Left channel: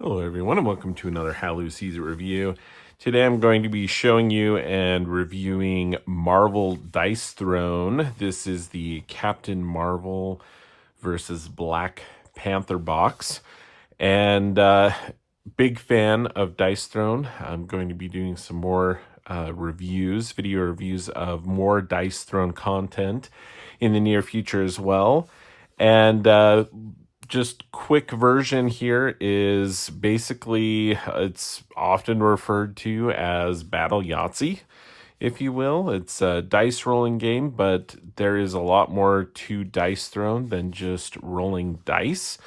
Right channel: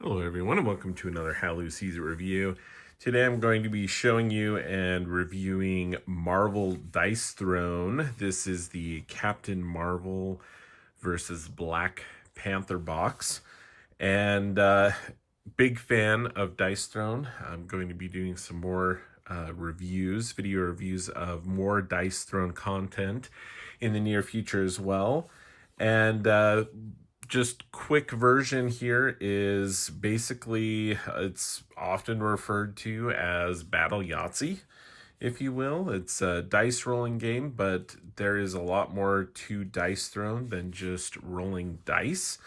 Hello everyone and welcome to another Halloween Season review. Today I'm going to be showing you and reviewing Marvel Dice Throne. This is the Captain Marvel versus Black Panther box. And big fan of Dice Throne. I'm going to be doing some more video reviews of more Dice Throne content in the near future as well. And just quick version here is basically it's often referred to as Battle Yahtzee, if you will. It's a dice rolling game, but there is a lot more to Dice Throne than just rolling dice.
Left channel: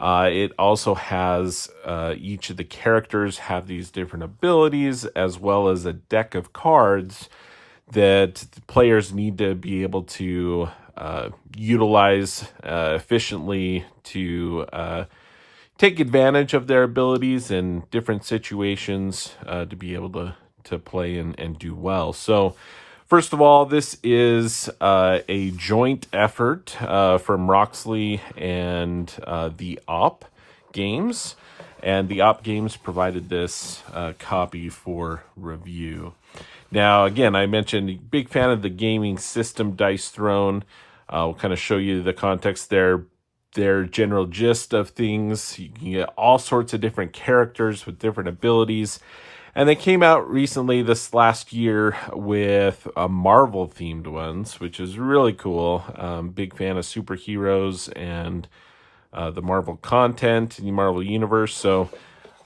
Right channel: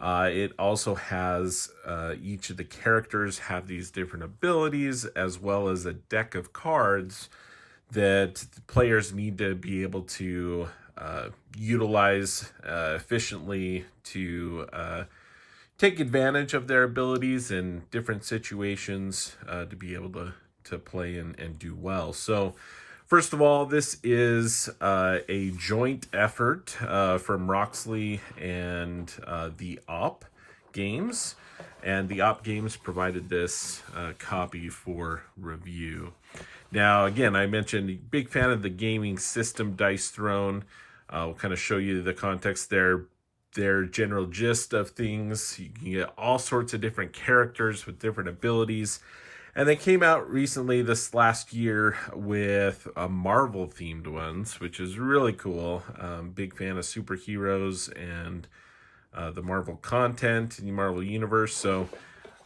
It also has each of the characters have these different abilities, as well as a deck of cards that players need to be able to utilize efficiently to take advantage of their abilities in different situations to be able to play and do well. So first of all, this is a joint effort from Roxley and the Op Games. And the Op Games provided this copy for review. Now, again, I mentioned big fan of the gaming system Dice Throne. We'll kind of show you the context there, their general gist of things. You can get all sorts of different characters with different abilities. And they came out recently this last year with Marvel-themed ones, which is really cool. Big fan of superheroes and the Marvel content in the Marvel Universe. So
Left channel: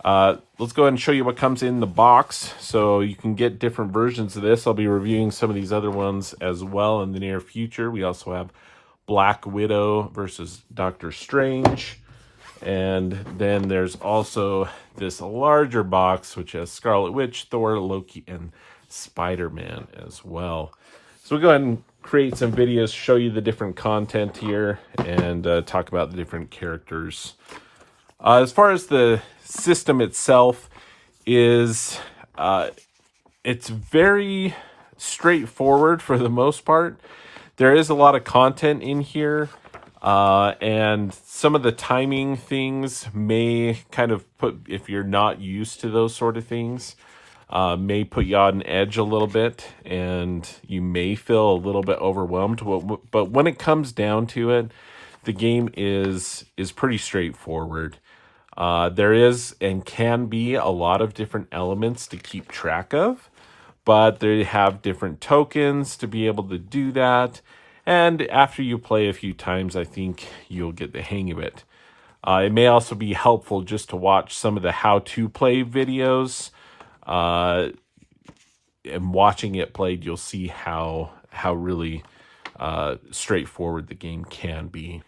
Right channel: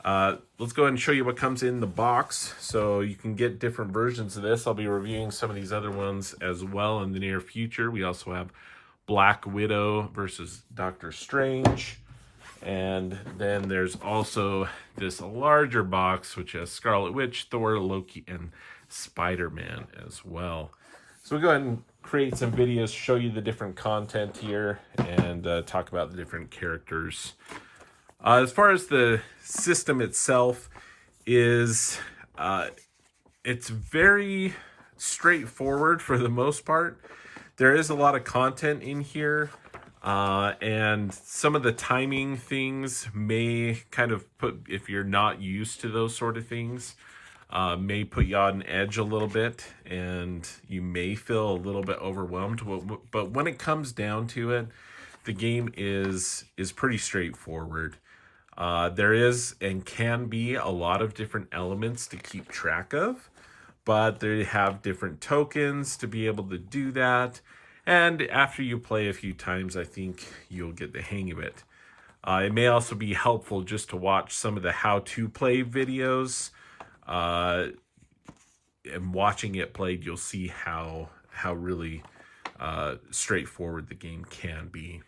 let's go ahead and show you what comes in the box. So you can get different versions of this. I'll be reviewing some of these other ones as well in the near future. We also have Black Widow versus Doctor Strange. And then there's also this larger box, which has Scarlet Witch, Thor, Loki, and Spider-Man as well. So we'll go ahead and create some videos, show you the different content here, and talk about the different characters. As far as the system itself is, it's very straightforward for the most part. There is a lot of content in here. And some of the timing things may kind of put, if you're not used to those sort of things, may put you on edge a little bit, and you may feel a little bit overwhelmed. But when it comes down to it, the game is pretty straightforward. There is and can be a lot of different elements to keep track of, but they have different tokens to be able to do that. And after you play a few times, I think you'll get the hang of it. It may also be helpful just to watch some of the how-to play videos. And watching it played, you'll see how really straightforward the game can be.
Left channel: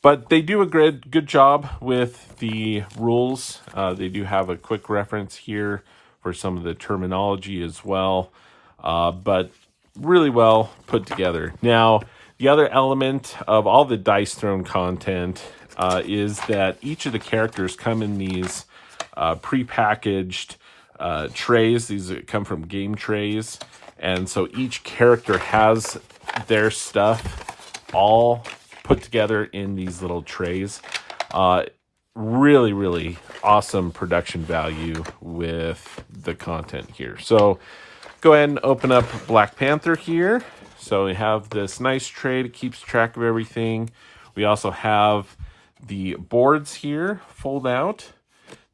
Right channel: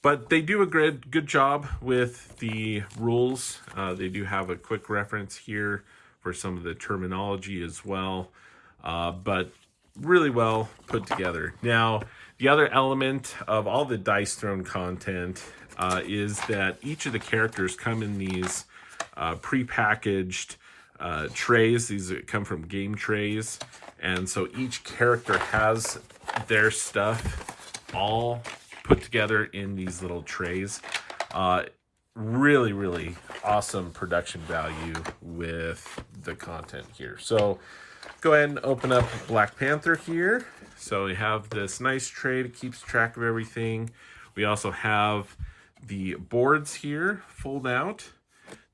But they do a good job with the rules. They do have a quick reference here for some of the terminology as well. But really well put together. Now, the other element of all the Dice Throne content is that each of the characters come in these pre-packaged trays. These come from game trays. And so each character has their stuff all put together in these little trays. Really, really awesome production value with the content here. So go ahead and open up Black Panther here. So we have this nice tray that keeps track of everything. We also have the boards here, fold out.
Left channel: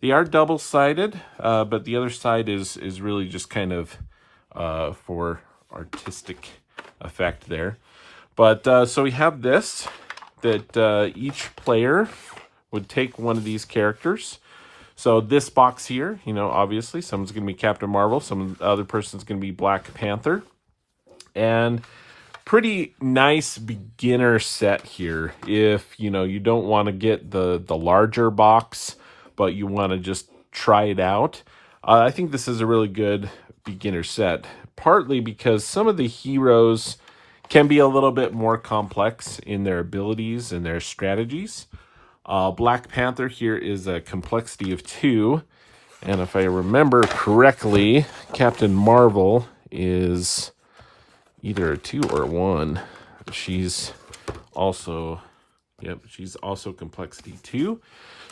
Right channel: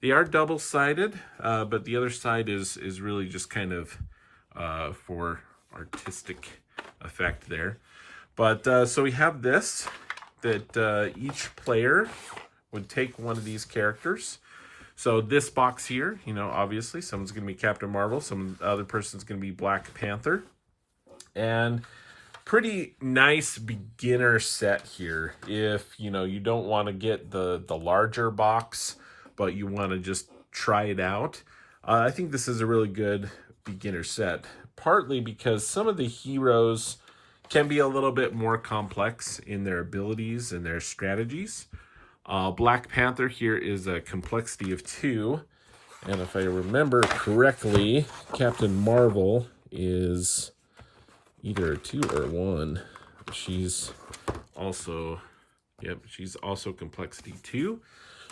They are double-sided, but the other side is really just kind of for artistic effect there. But so we have this, that each player would take one of these characters. So this box here, you know, obviously someone's going to be Captain Marvel, some other person's going to be Black Panther. And pretty nice beginner set here. If, you know, you don't want to get the larger box, but you want to just try it out. I think this is a really good beginner set, partly because some of the heroes can be a little bit more complex in their abilities and their strategies. Black Panther here is a complexity of 2. And if I remember correctly, Captain Marvel is either a 2 or a 1. She's also, she's also complexity 2.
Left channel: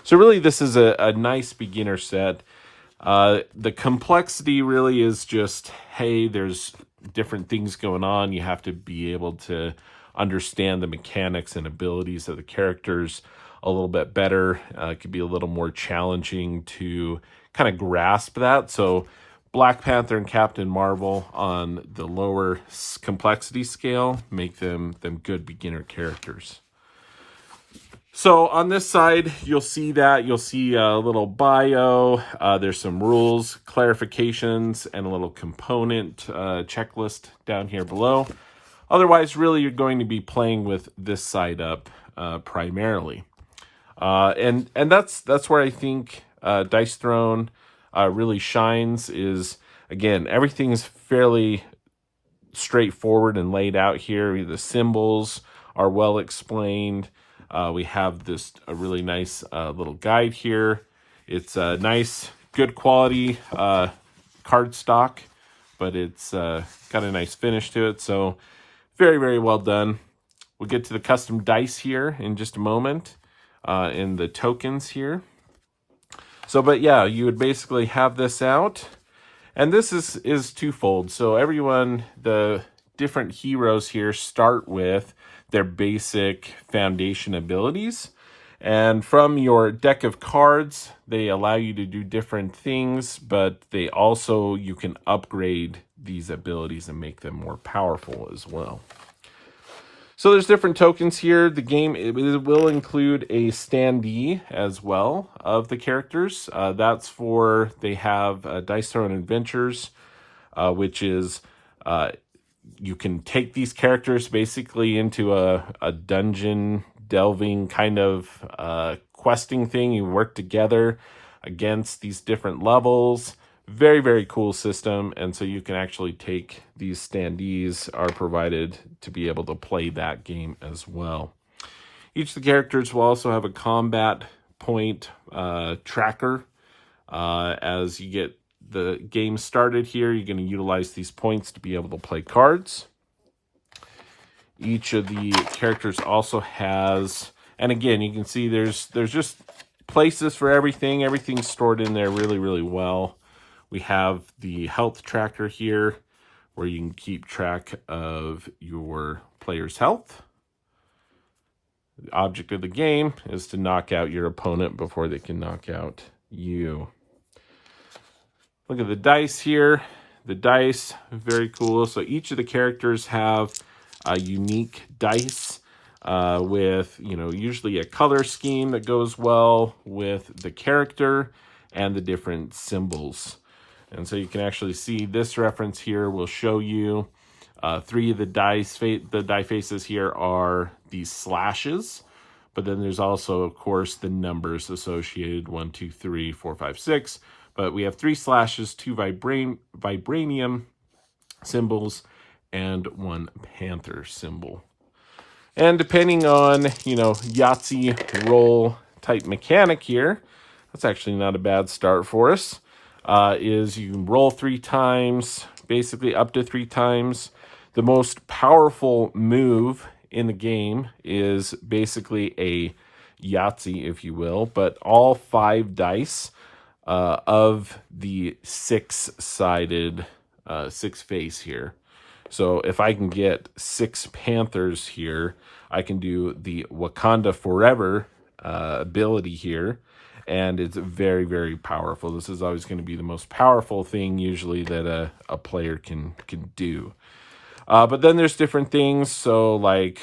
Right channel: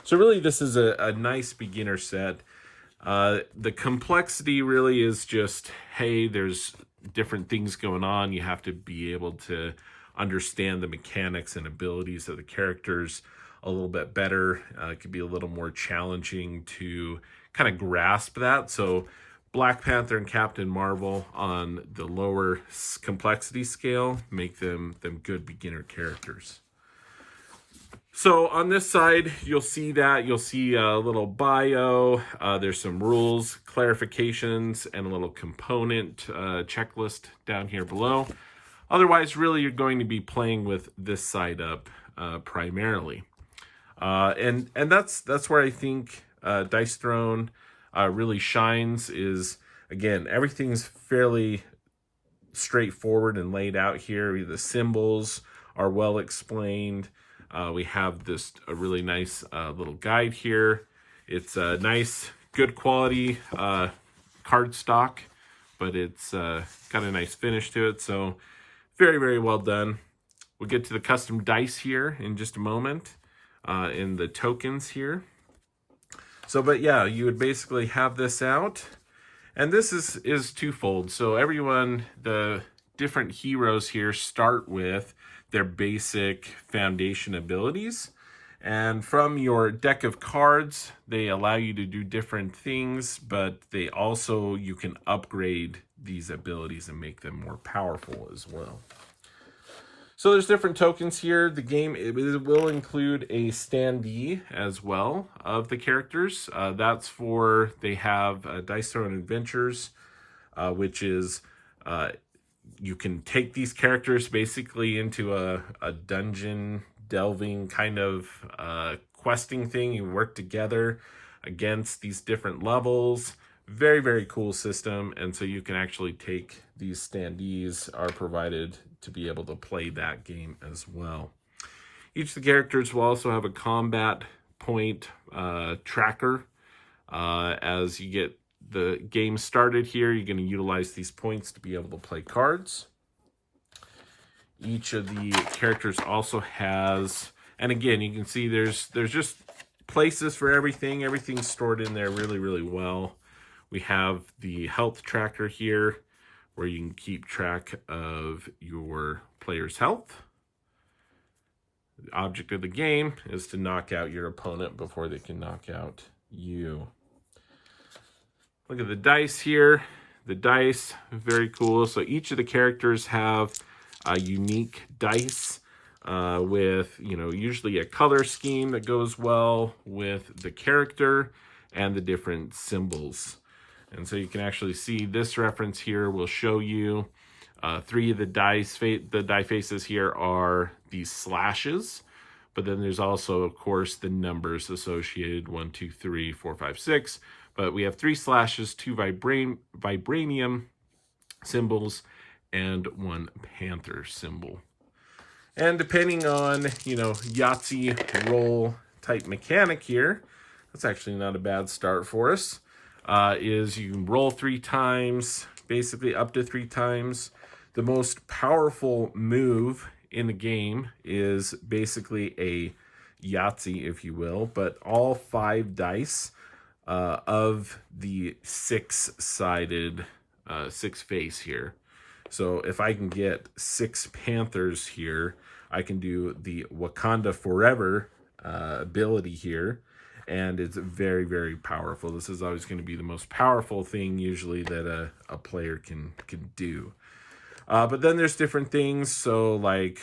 So really, this is a nice beginner set. The complexity really is just, hey, there's different things going on. You have to be able to understand the mechanics and abilities of the characters a little bit better. It could be a little more challenging to kind of grasp that. So Black Panther and Captain Marvel on the lower complexity scale make them good beginner characters. So on this side, you'll see a little bio. There's some rules, clarifications, and a little component checklist down here below. Otherwise, really, you're going to be playing with this side up primarily. And that's where I think Dice Throne really shines is, again, everything's fairly straightforward and laid out here. The symbols are well explained. We have a really nice little guide here. It's a nice, good quality card stock, but it's got a nice finish to it. So very, very well done. We'll get to the custom dice here in just a moment, in the tokens here. So, but yeah, you would basically have this out. And this is twofold. So everyone, the different heroes here start with their basic foundation abilities. And from your deck of cards, they allow you to do different things, but you can upgrade these abilities and make them more powerful as well. So there's different tokens here. The game will include a standee as well of the characters. They have Dice Throne Adventures, which is you can take these characters basically into a dungeon delving kind of questing thing. You work together against these different levels. Very, very cool system. And so you can actually take these standees are provided to be able to play that game as well. Each of the characters will also have a combat point tracker. As you get the game started here, you're going to utilize these points to be able to play cards. Each of the characters also has, and again, you can see there's just places for everything. Everything's stored in there really, really well. We have the health tracker here, where you can keep track of your player's health. The object of the game is to knock out your opponent before they can knock out you. Look at the dice here. The dice, very cool. So each of the characters have a unique dice with, usually a color scheme that goes well with the character and the different symbols. And so you can actually see this reference here will show you three of the die faces here are these slashes. But then there's also, of course, the numbers associated, 1, 2, 3, 4, 5, 6. But we have 3 slashes, 2 vibranium symbols, and 1 panther symbol. And depending on, Yahtzee roll type mechanic here, that's actually not a bad start for us, is you can roll 3 times, basically up to 3 times. The most powerful move in the game is basically a Yahtzee, if you will, but all 5 dice of the 6-sided 6-face here. So if I can get 6 panthers here, I can do the Wakanda Forever ability here, and it's very, very powerful. This is always going to be the most powerful thing usually that a player can do. But then there's different things, so like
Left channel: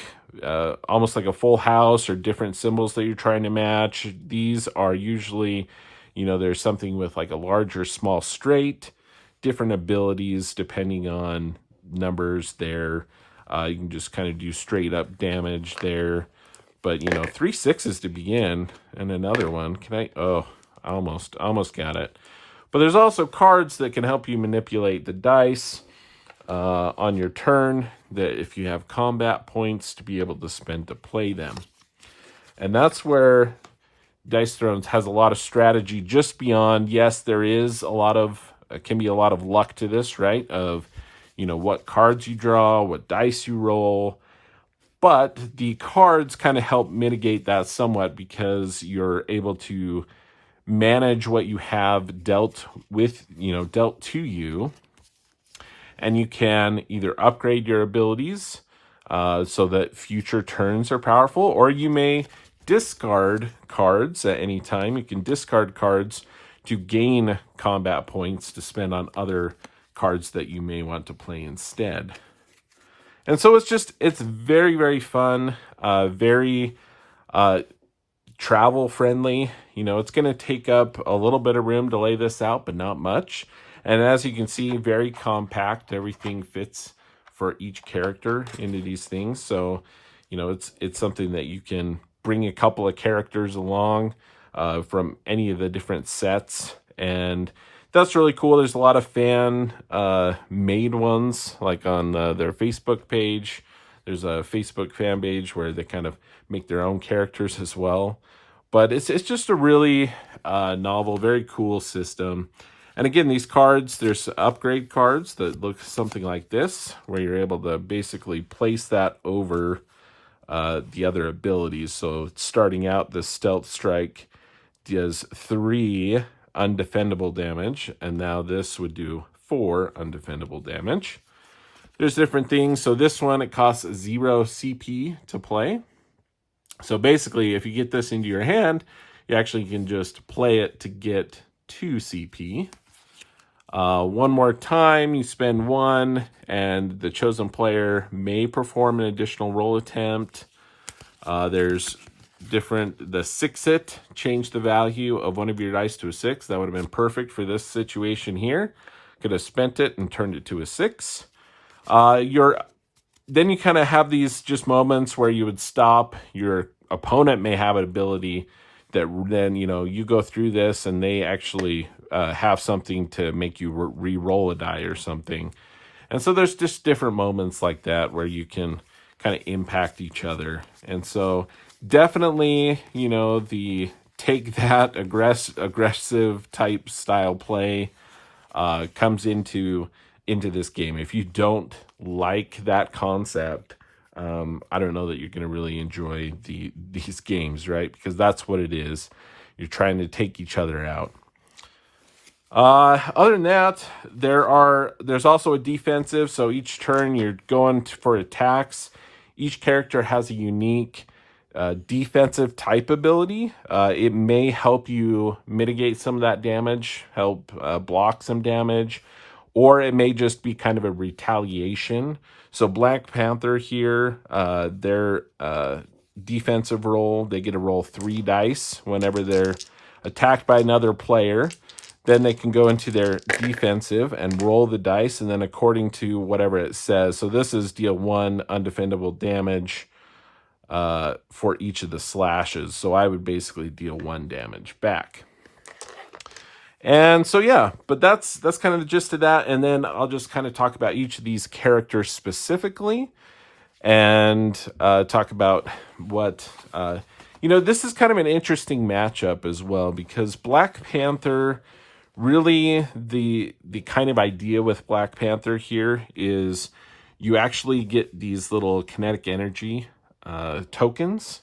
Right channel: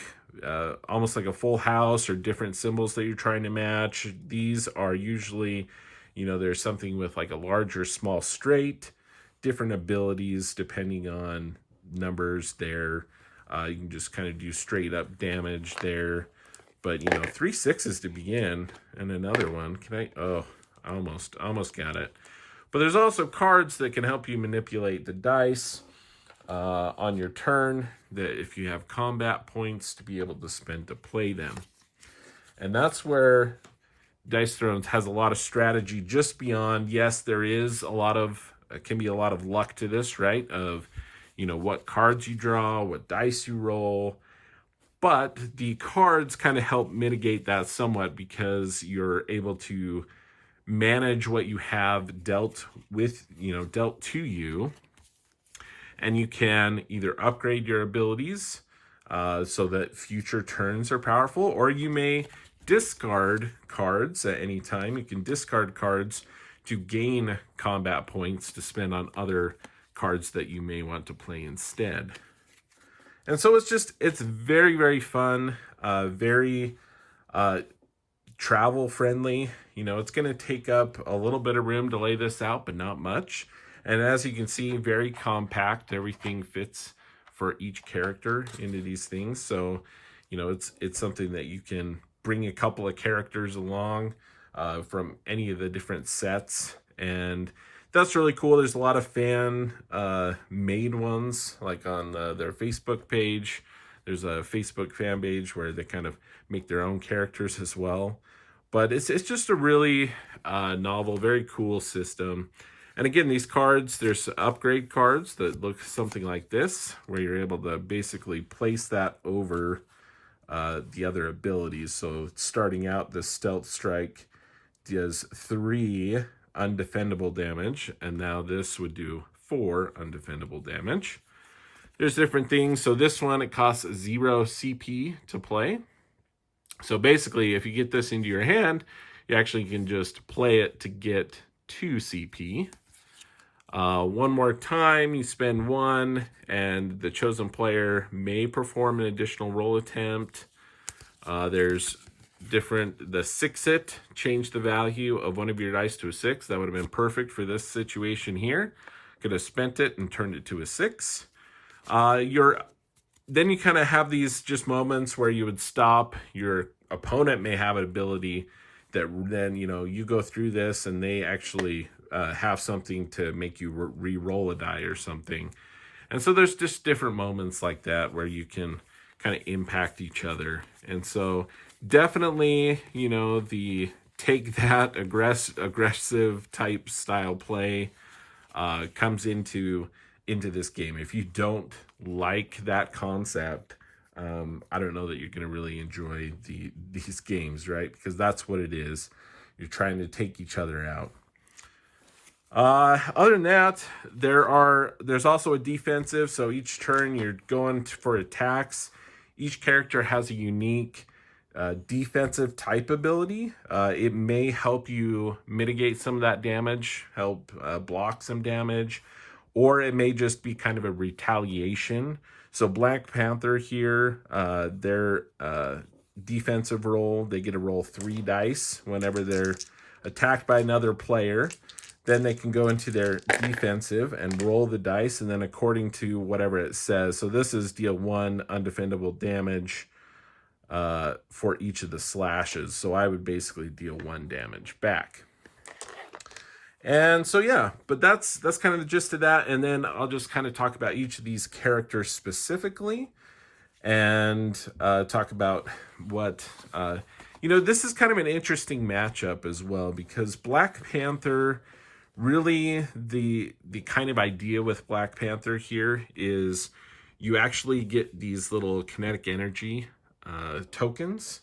almost like a full house or different symbols that you're trying to match. These are usually, there's something with like a large or small straight, different abilities depending on numbers there. You can just kind of do straight up damage there. But, 3 6s to begin and another one. I almost got it. But there's also cards that can help you manipulate the dice on your turn, that if you have combat points to be able to spend to play them. And that's where Dice Thrones has a lot of strategy just beyond, yes, there is can be a lot of luck to this, right? Of, what cards you draw, what dice you roll. But the cards kind of help mitigate that somewhat because you're able to manage what you have dealt with, dealt to you. And you can either upgrade your abilities so that future turns are powerful, or you may discard cards at any time. You can discard cards to gain combat points to spend on other cards that you may want to play instead. And so it's very, very fun, very travel friendly. It's going to take up a little bit of room to lay this out, but not much. And as you can see, very compact. Everything fits for each character into these things. So, it's something that you can bring a couple of characters along from any of the different sets. And that's really cool. There's a lot of fan made ones, like on their Facebook page. There's a Facebook fan page where they kind of make their own characters as well. But it's just a really novel, very cool system. And again, these cards, there's upgrade cards that look something like this, where you're able to basically place that over the other abilities. So starting out, the Stealth Strike does 3 undefendable damage, and now this would do 4 undefendable damage. There's different things. So this one, it costs 0 CP to play. So basically, if you get this into your hand, you actually can just play it to get 2 CP. One more time, you spend 1, and the chosen player may perform an additional roll attempt. There's the 6-it, change the value of one of your dice to a 6. That would have been perfect for this situation here. Could have spent it and turned it to a 6. Then you kind of have these just moments where you would stop. Your opponent may have an ability that then, you go through this and they actually have something to make you re-roll a die or something. And so there's just different moments like that where you can kind of impact each other. And so definitely, the take that aggressive type style play comes into this game. If you don't like that concept, I don't know that you're going to really enjoy these games, right? Because that's what it is. You're trying to take each other out. Other than that, there's also a defensive. So each turn you're going for attacks. Each character has a unique defensive type ability. It may help you mitigate some of that damage, help block some damage, or it may just be kind of a retaliation. So Black Panther here, their defensive roll, they get to roll 3 dice whenever they're attacked by another player. Then they can go into their defensive and roll the dice, and then according to whatever it says. So this is deal 1 undefendable damage for each of the slashes. So I would basically deal 1 damage back. And so, yeah, but that's kind of the gist of that. And then I'll just kind of talk about each of these characters specifically and talk about what, this is kind of an interesting matchup as well, because Black Panther, really the kind of idea with Black Panther here is you actually get these little kinetic energy tokens.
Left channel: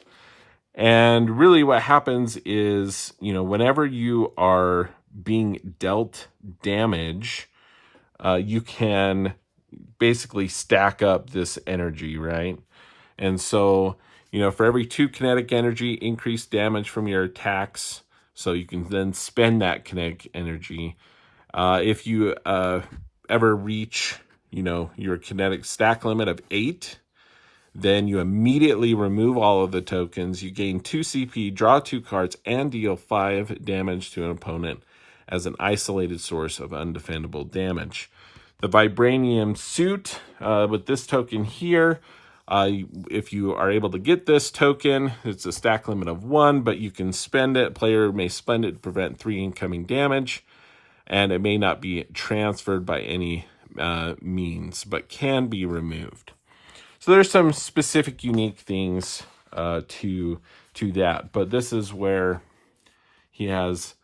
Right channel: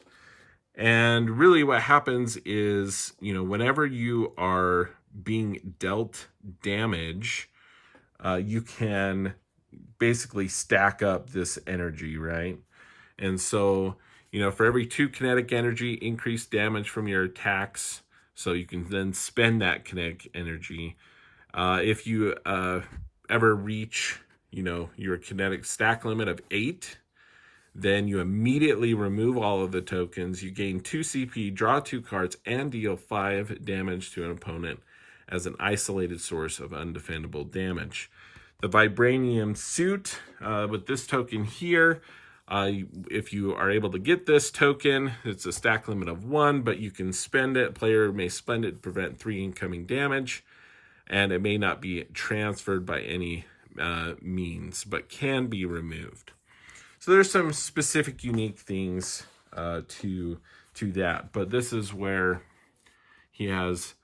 And really what happens is, whenever you are being dealt damage, you can basically stack up this energy, right? And so, for every 2 kinetic energy, increase damage from your attacks. So you can then spend that kinetic energy. If you ever reach, your kinetic stack limit of 8, then you immediately remove all of the tokens. You gain 2 CP, draw 2 cards, and deal 5 damage to an opponent as an isolated source of undefendable damage. The Vibranium Suit, with this token here, if you are able to get this token, it's a stack limit of 1, but you can spend it. Player may spend it to prevent 3 incoming damage, and it may not be transferred by any means, but can be removed. So there's some specific unique things to that, but this is where he has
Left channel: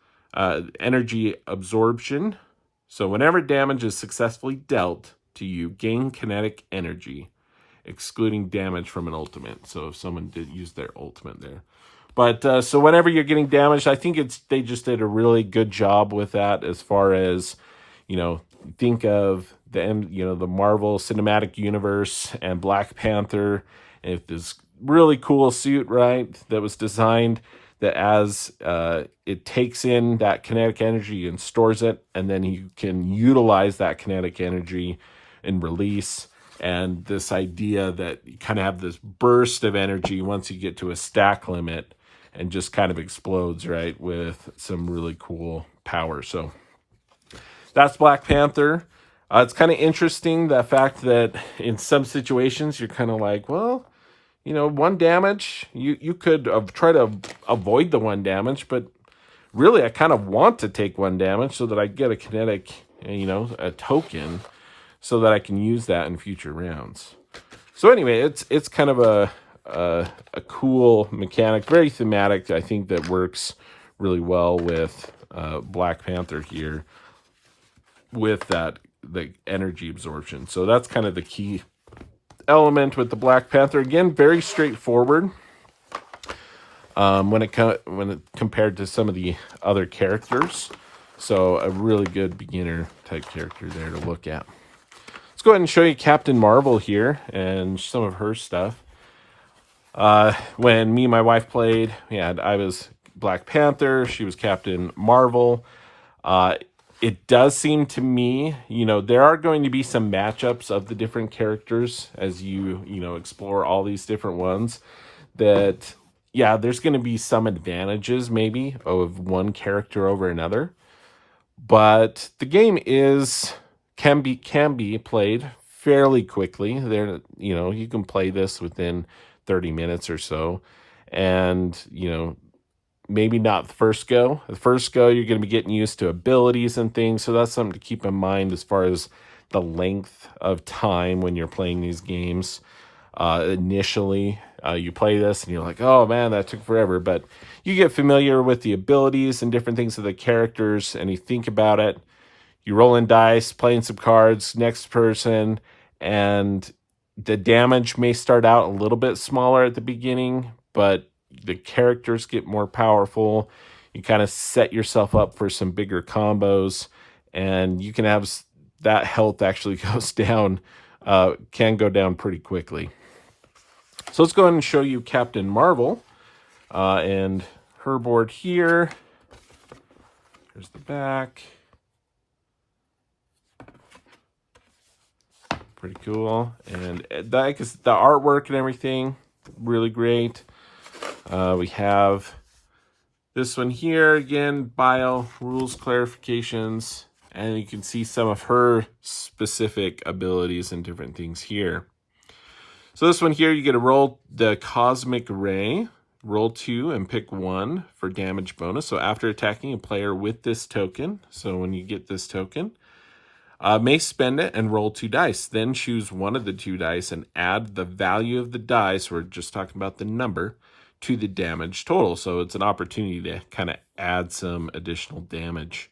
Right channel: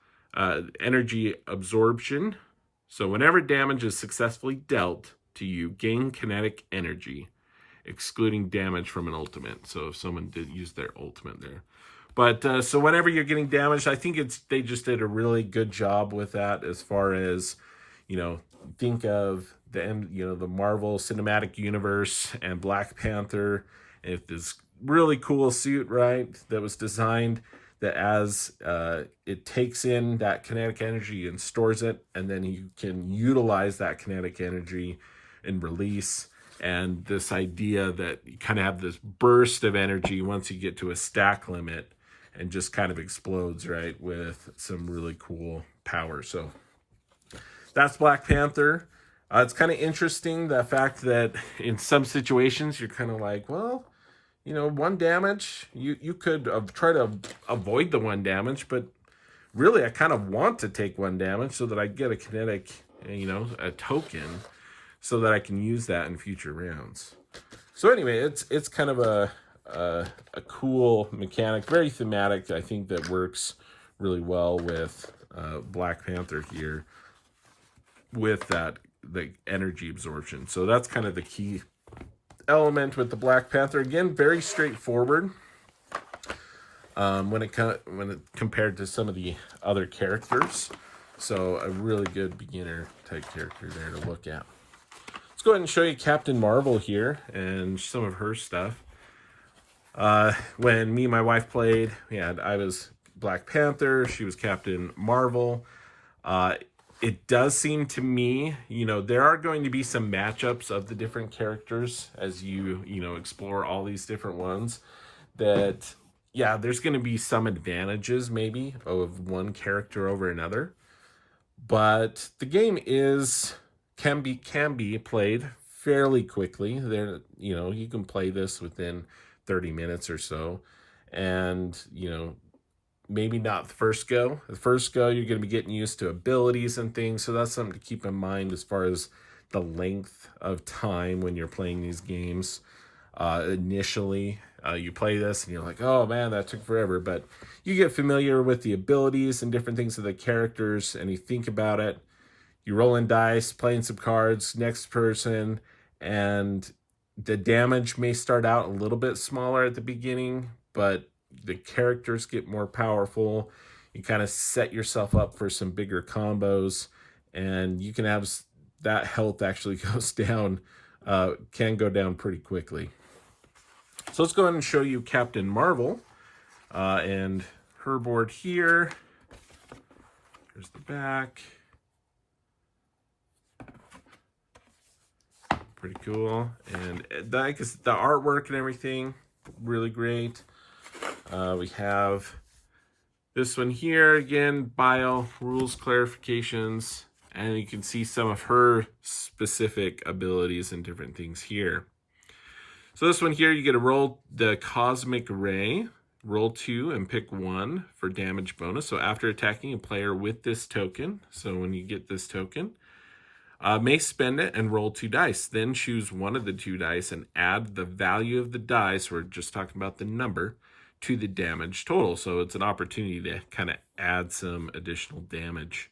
energy absorption. So whenever damage is successfully dealt to you, gain kinetic energy. excluding damage from an ultimate. So if someone did use their ultimate there. But so whenever you're getting damaged, I think they just did a really good job with that as far as, think of the Marvel Cinematic Universe and Black Panther, and this really cool suit, right, that was designed that as it takes in that kinetic energy and stores it, and then you can utilize that kinetic energy and release. And this idea that you kind of have this burst of energy once you get to a stack limit and just kind of explodes, right, with some really cool power. So that's Black Panther. It's kind of interesting, the fact that in some situations you're kind of like, well, one damage, you could try to avoid the one damage, but really I kind of want to take one damage so that I get a kinetic, a token, so that I can use that in future rounds. So anyway, it's kind of a cool mechanic, very thematic. I think that works really well with Black Panther here with the energy absorption. So that's kind of the key element with the Black Panther. Again, very straightforward when it compared to some of the other characters. So a really good beginner type character there to look at. Let's go ahead and show you Captain Marvel here and some of her stuff. When me and my wife played, I was Black Panther, she was Captain Marvel. It does seem to me, there are going to be some matchups of the different characters as you explore all these different ones that, there's going to be some advantages maybe of one character over another. But the game can be played fairly quickly. You can play this within 30 minutes or so. And, maybe not the first go. The first go, you're going to be getting used to abilities and things. So that's something to keep in mind as far as the length of time when you're playing these games. Initially, you play this and you're like, oh man, that took forever. But you get familiar with the abilities and different things of the characters, and you think about it. You rolling dice, playing some cards, next person, and the damage may start out a little bit smaller at the beginning, but the characters get more powerful. You kind of set yourself up for some bigger combos, and you can have that health actually goes down, can go down pretty quickly. So let's go ahead and show you Captain Marvel and her board here. Here's the back. Pretty cool. And the artwork and everything, really great. We have this one here, again, bio, rules, clarifications, and you can see some of her specific abilities and different things here. So this one here, you get to roll the Cosmic Ray, roll 2 and pick 1 for damage bonus. So after attacking a player with this token, so when you get this token, may spend it and roll 2 dice. Then choose one of the 2 dice and add the value of the dice, we're just talking about the number, to the damage total. So it's an opportunity to kind of add some additional damage.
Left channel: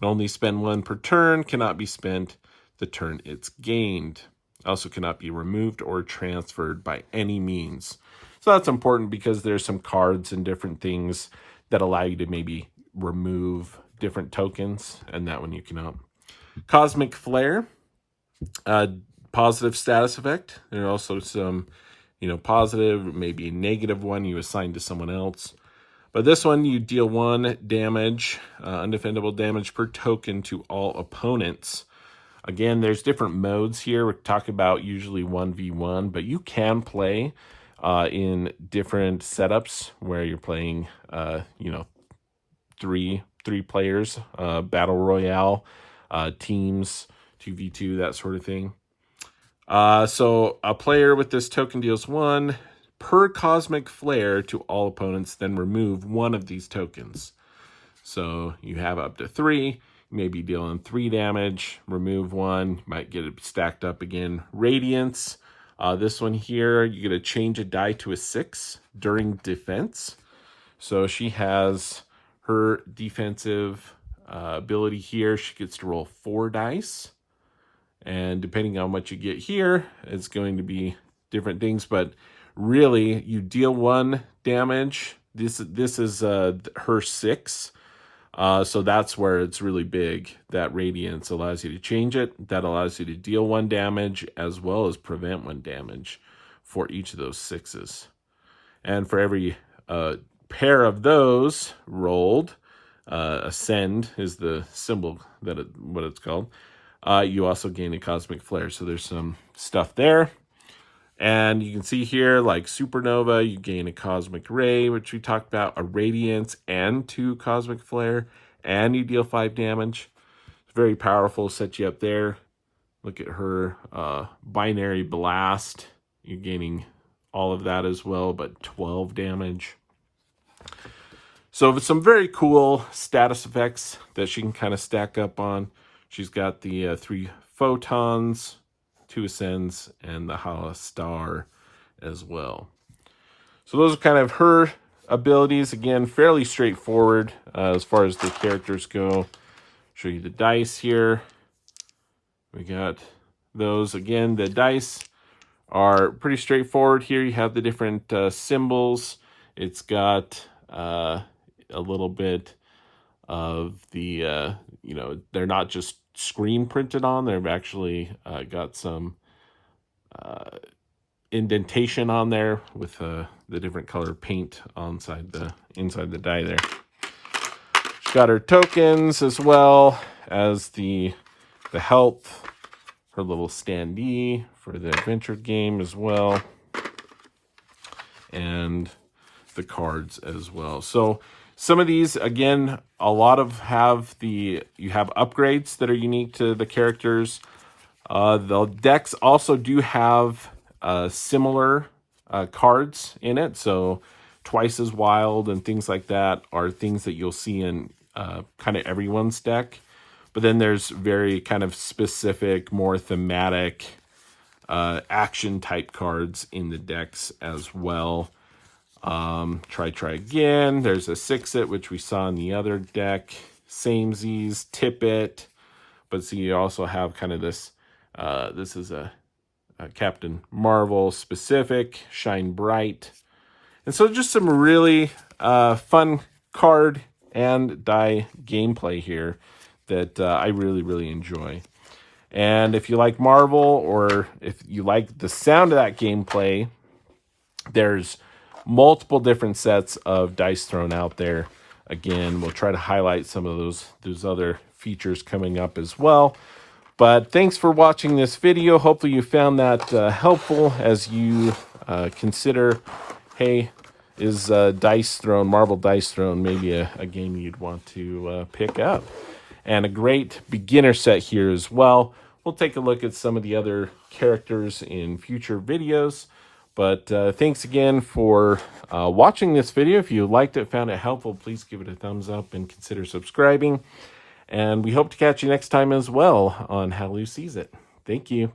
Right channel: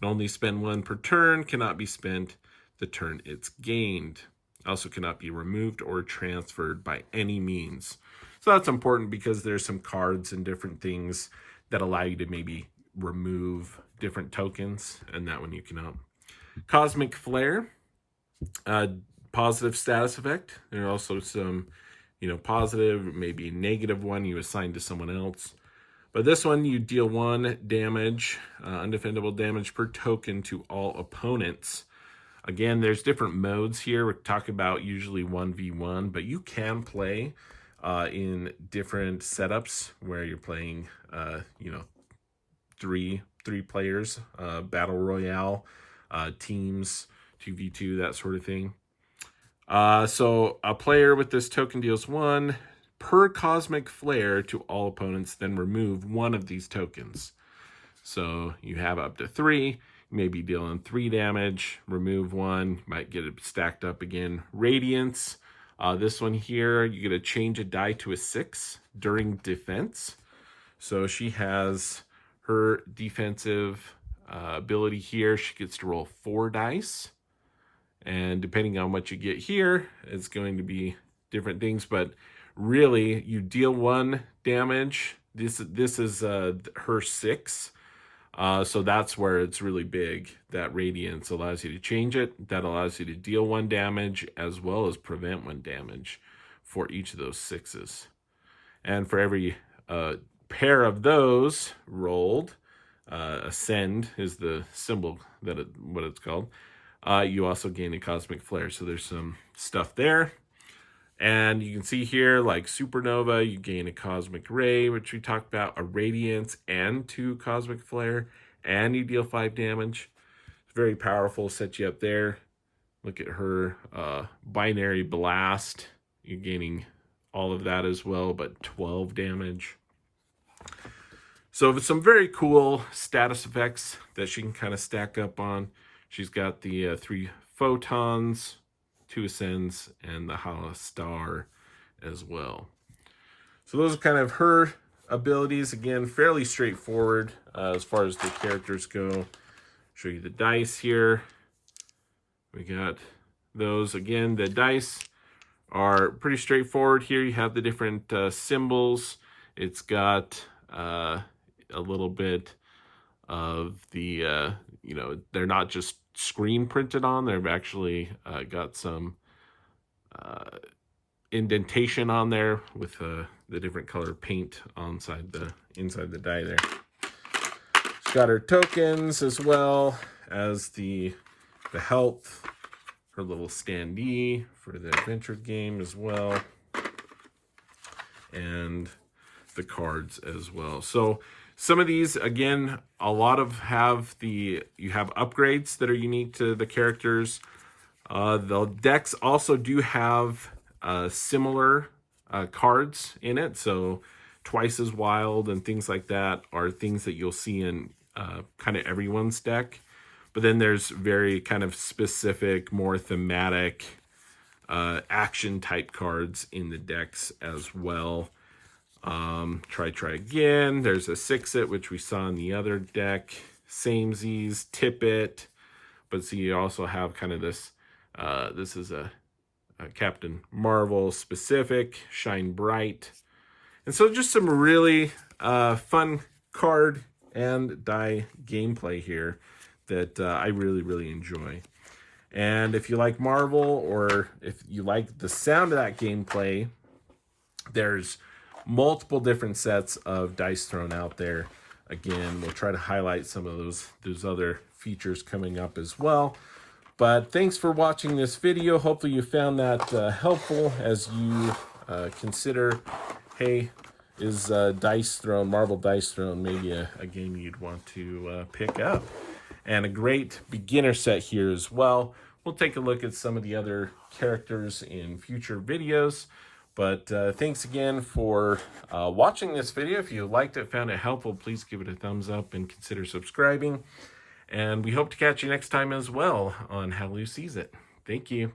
Can only spend 1 per turn, cannot be spent the turn it's gained. Also cannot be removed or transferred by any means. So that's important because there's some cards and different things that allow you to maybe remove different tokens, and that one you cannot. Cosmic Flare, positive status effect. There are also some, positive, maybe a negative one you assign to someone else. But this one, you deal 1 damage, undefendable damage per token to all opponents. Again, there's different modes here. We're talking about usually 1v1, but you can play in different setups where you're playing, three players, battle royale, teams, 2v2, that sort of thing. So a player with this token deals 1 per Cosmic Flare to all opponents, then remove 1 of these tokens. So you have up to 3. You may be dealing 3 damage, remove 1, might get it stacked up again. Radiance, this one here, you get to change a die to a 6 during defense. So she has her defensive ability here. She gets to roll 4 dice. And depending on what you get here, it's going to be different things, but really you deal 1 damage. This is her 6. So that's where it's really big. That radiance allows you to change it. That allows you to deal 1 damage as well as prevent 1 damage for each of those 6s. And for every pair of those rolled, ascend is the symbol what it's called. You also gain a cosmic flare. So there's some stuff there. And you can see here, like supernova, you gain a cosmic ray, which we talked about, a radiance, and 2 cosmic flare, and you deal 5 damage. It's very powerful, set you up there. Look at her binary blast. You're gaining all of that as well, but 12 damage. So some very cool status effects that she can kind of stack up on. She's got the 3 photons, 2 ascends, and the Hala star as well. So those are kind of her abilities. Again, fairly straightforward as far as the characters go. Show you the dice here. We got those. Again, the dice are pretty straightforward here. You have the different symbols. It's got a little bit of the, they're not just screen printed on. They've actually got some indentation on there with the different color paint inside the die there. She's got her tokens as well as the health, her little standee for the adventure game as well, and the cards as well. So some of these, again, a lot of you have upgrades that are unique to the characters. The decks also do have similar cards in it. So Twice as Wild and things like that are things that you'll see in kind of everyone's deck. But then there's very kind of specific, more thematic action type cards in the decks as well. Try again. There's a 6-it, which we saw in the other deck. Samesies, Tip-it. But see, you also have kind of this, this is a Captain Marvel specific, Shine Bright. And so just some really fun card and die gameplay here that I really, really enjoy. And if you like Marvel, or if you like the sound of that gameplay, there's multiple different sets of Dice Throne out there. Again, we'll try to highlight some of those other features coming up as well. But thanks for watching this video. Hopefully you found that helpful as you consider, hey, is Dice Throne, Marvel Dice Throne, maybe a game you'd want to pick up. And a great beginner set here as well. We'll take a look at some of the other characters in future videos. But thanks again for watching this video. If you liked it, found it helpful, please give it a thumbs up and consider subscribing. And we hope to catch you next time as well on How Lou Sees It. Thank you.